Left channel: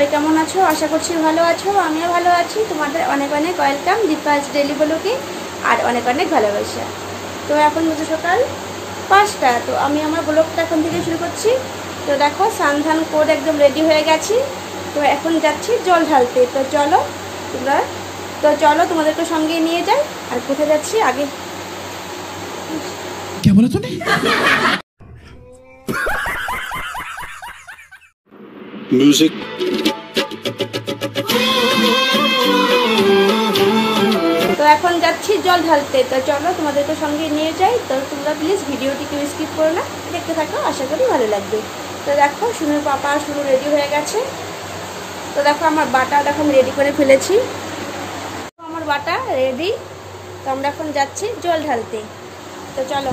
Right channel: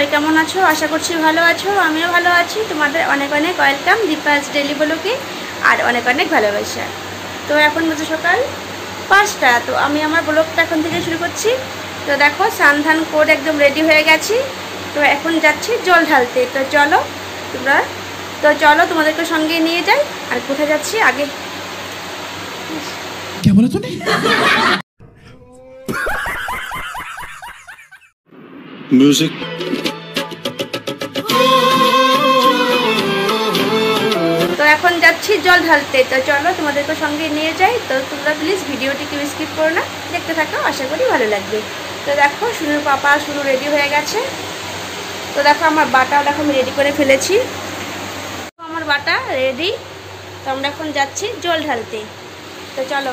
সবাই কেমন আছো? আশা করছি ভালো আছো, আমিও ভালো আছি। তোমাদের অনেক অনেক ওয়েলকাম দীপাজ ডেলি ব্লগে, আর অনেক অনেক ভালোবাসা। তো এখন বুঝো সকাল 5টা। তো আমি আমার ব্লগটা এখন থেকে শুরু করছি। তো দেখো স্নান করে একদম রেডি হয়ে গেছি। তো এখন যাচ্ছি জল ঢালতে। তো চলো তোমাদেরকে সঙ্গে নিয়ে যাই। আর কোথায় যাচ্ছি আগে क्या बोला तूने? म्यूजिक। তো এখন যাচ্ছি জল ঢালতে। তো চলো তোমাদেরকে সঙ্গে নিয়ে যাই। তো তোমরা প্লিজ ভিডিওটি কেউ স্কিপ করো না, দেখতে থাকো, আশা করি ভালো লাগবে। তো দেখো শুনুর পাপা শুরু রেডি হয়ে গেছে। তো দেখো আমার বাটাও দেখো আমি রেডি করে ফেলেছি। আমার বাটা রেডি। তো আমরা এখন যাচ্ছি জল ঢালতে। তো চলো।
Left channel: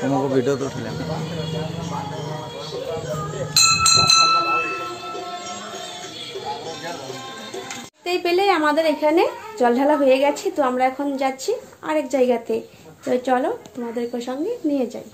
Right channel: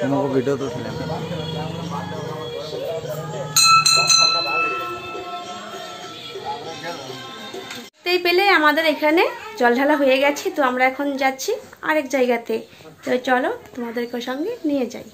तुमको वीडियो तो उठा लें। এই পেলে আমাদের এখানে জল ঢালা হয়ে গেছে। তো আমরা এখন যাচ্ছি আরেক জায়গাতে। তো চলো তোমাদেরকে সঙ্গে নিয়ে যাই।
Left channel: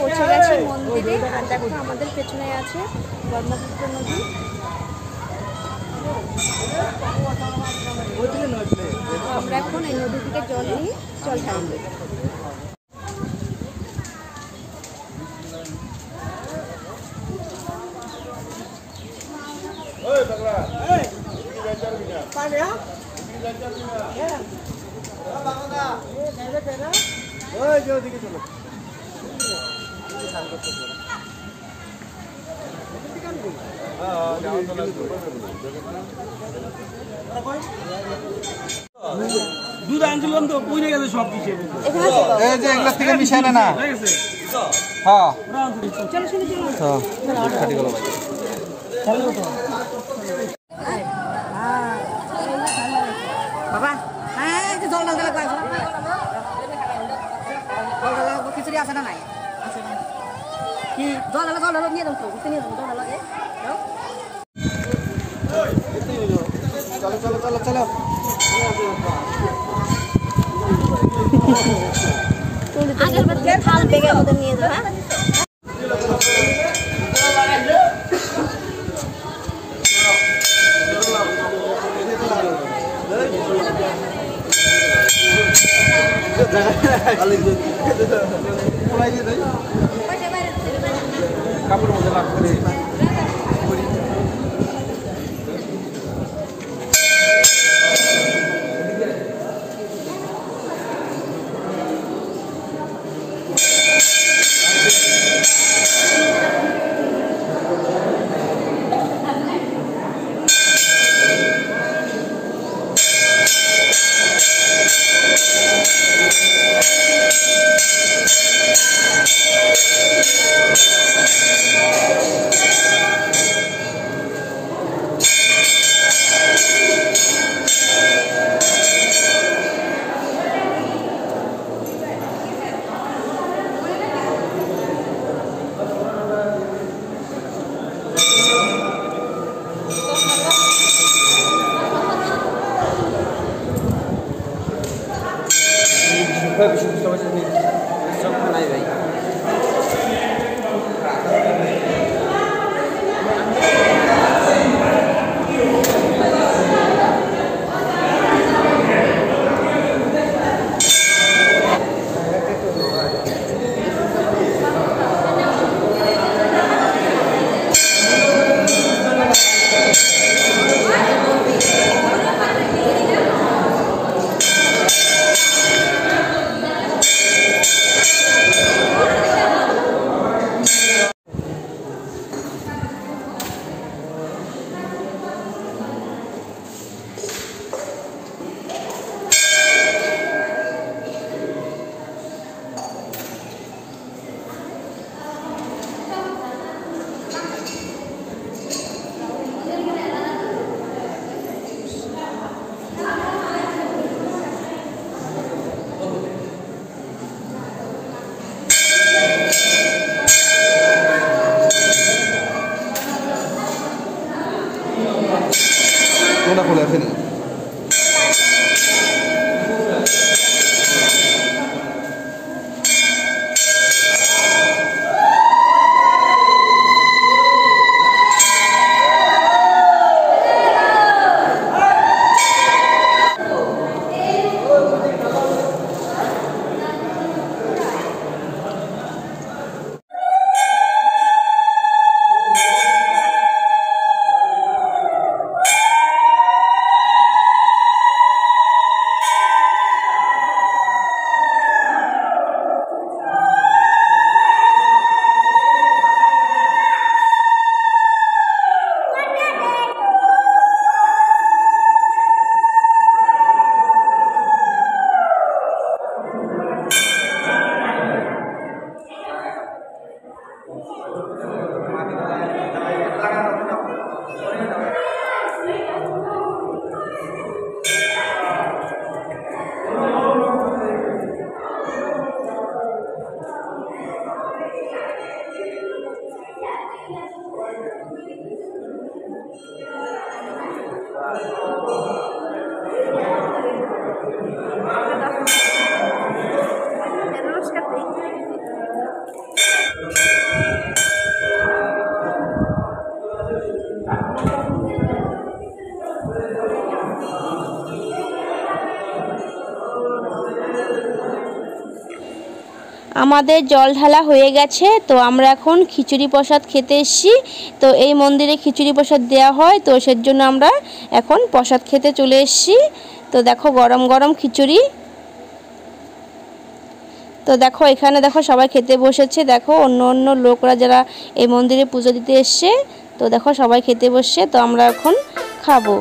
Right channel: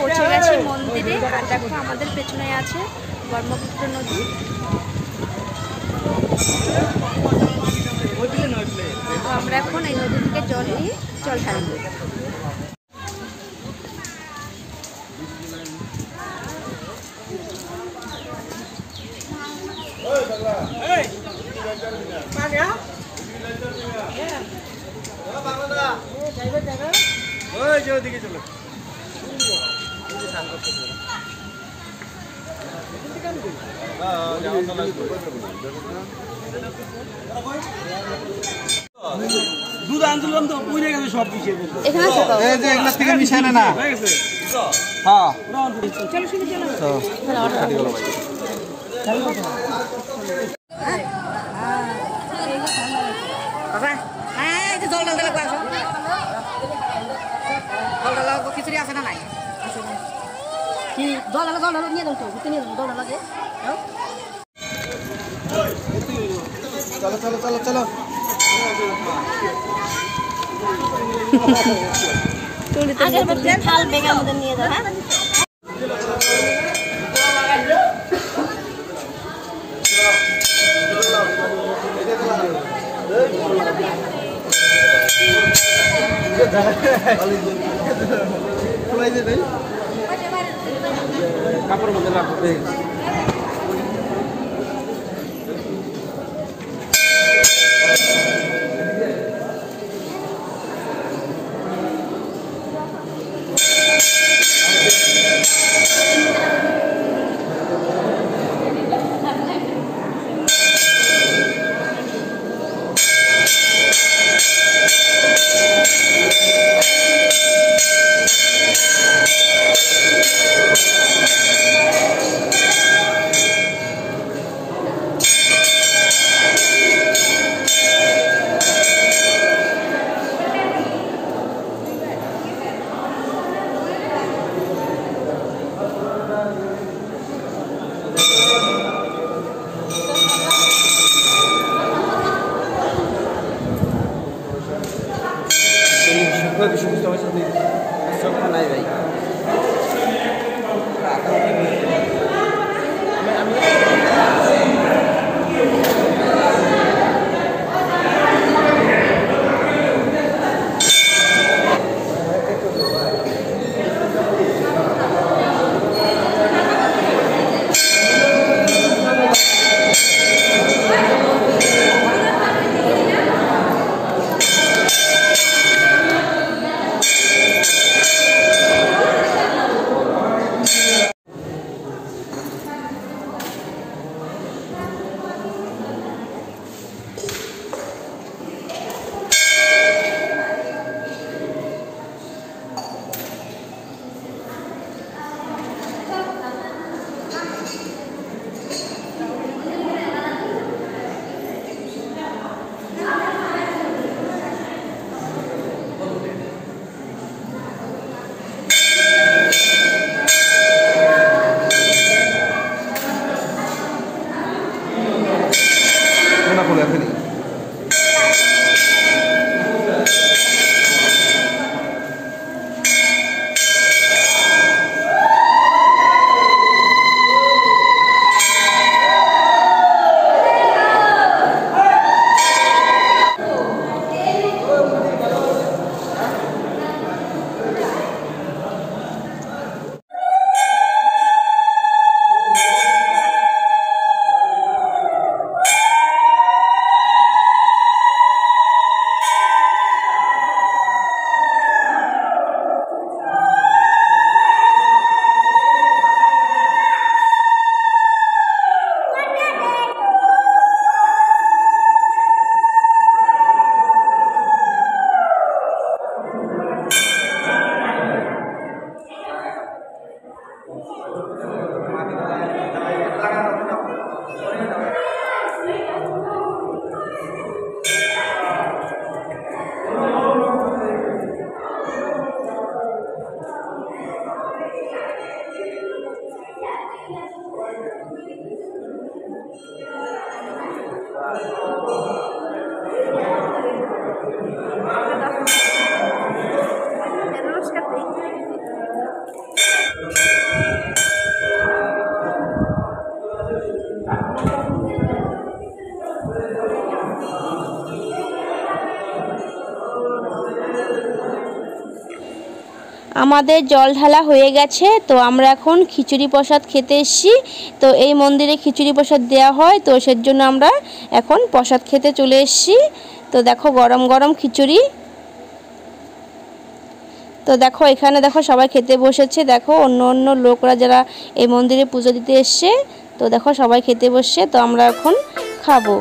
পৌঁছে গেছি মন্দিরে। আর দেখো আমাদের পেছনে আছে ব্রহ্মপুত্র নদী। তো আমরা এখন এই নদী থেকে জল নিয়ে জল ঢালব। দুধ আনছিলাম তো পুড়ে গেছে সব কিছু এখানে আছে তো এই যে এগুলা থেকে মিশায় না হয়ে গেছে হ্যাঁ চলো শুনে চলো বাবা হ্যাঁ এই জল ঢালতে লাগবে আসো জল ঢালা খিচুড়ি আছে না নাই কি জল ঢালা নিয়ে দাও তো নিয়ে দাও জল ঢালা চলো চলো চলো চলো আগের মধ্যে থাল বেগার মধ্যে নিয়ে দাও হ্যাঁ কাপড় মধ্যে লাগবে নাই ভাই আমাদের জল ঢালা হয়ে গেছে, তো আমরা এখন খিচুড়ি প্রসাদ খেতে এসেছি। তো এই মন্দিরে খিচুড়ি প্রসাদ দেওয়া হয়, তো সেজন্য আমরা এখন প্রসাদ খেতে চলে এসেছি। তো দেখো গরম গরম খিচুড়ি। তো দেখো এখানে দেখো সবাই খেতে বসেছে। দেখো অন্য অন্য লোকরা যারা এই মন্দিরে পুজো দিতে এসছে, তো দেখো সবাই খেতে বসছে। তো আমরা এখন খাবো।